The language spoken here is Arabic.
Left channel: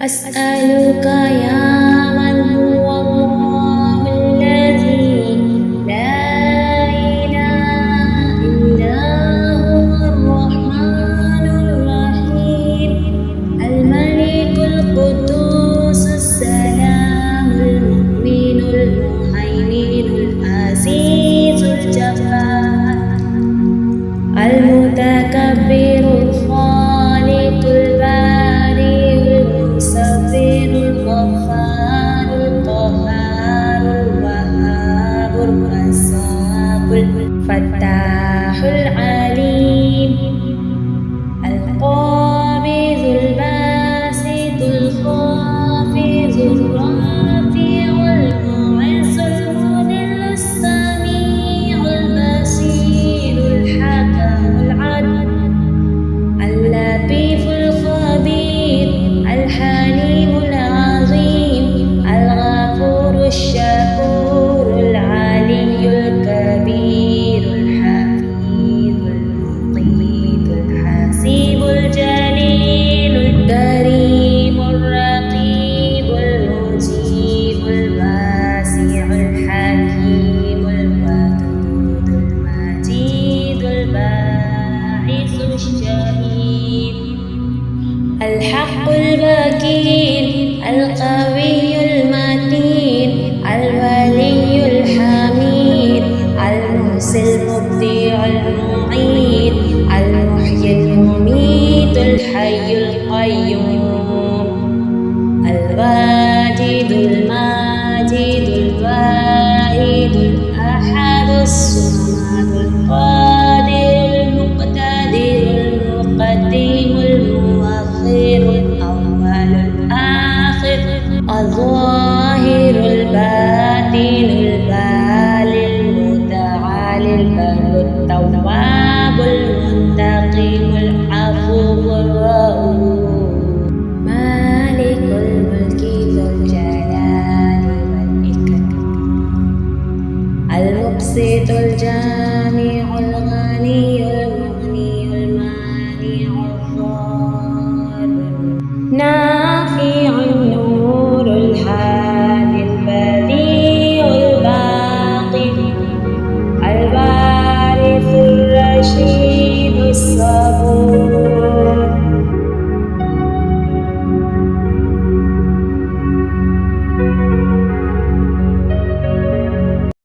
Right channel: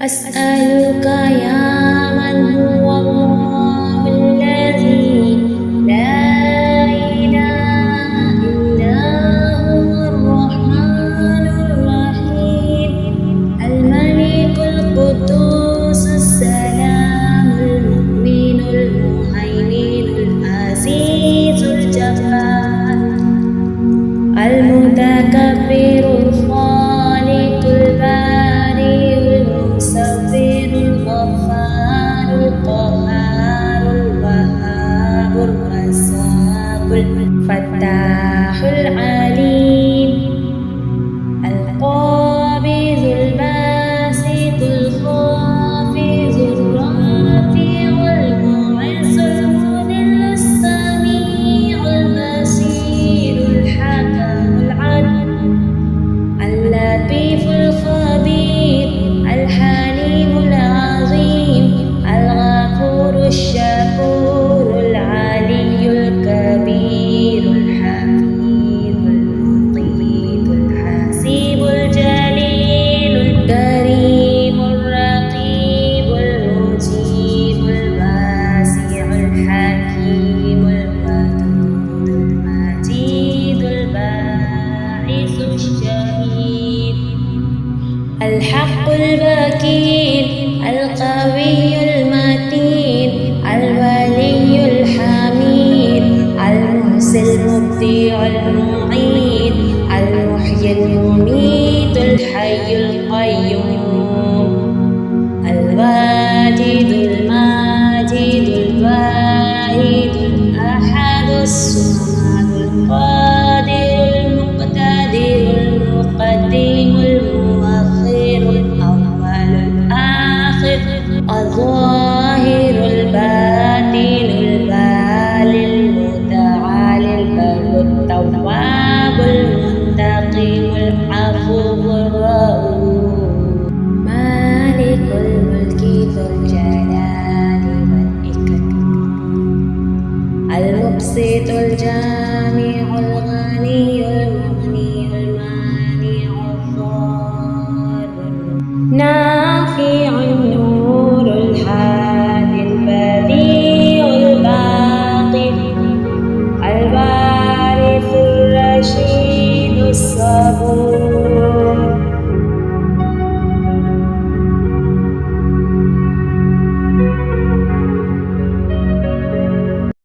أسألك يا من هو الله الذي لا إله إلا هو الرحمن الرحيم الملك القدوس السلام المؤمن المهيمن العزيز الجبار المتكبر الخالق البارئ المصور الغفار القهار الوهاب الرزاق الفتاح العليم القابض الباسط الخافض الرافع المعز المذل السميع البصير الحكم العدل اللطيف الخبير الحليم العظيم الغفور الشكور العلي الكبير الحفيظ المقيت الحسيب الجليل الكريم الرقيب المجيب الواسع الحكيم الودود المجيد الباعث الشهيد الحق الوكيل القوي المتين الولي الحميد المحسن المبدع المعيد المحيي المميت الحي القيوم الواجد الماجد الواحد الأحد الصمد القادر المقتدر المقدم المؤخر الأول الآخر الظاهر الباطن البالي المتعالي البر التواب المنتقم العفو الرؤوف مالك الملك ذو الجلال والإكرام المقسط الجامع الغني المغني المانع الضار نافع النور الهادي البديع الباقي الوارث الرشيد الصبور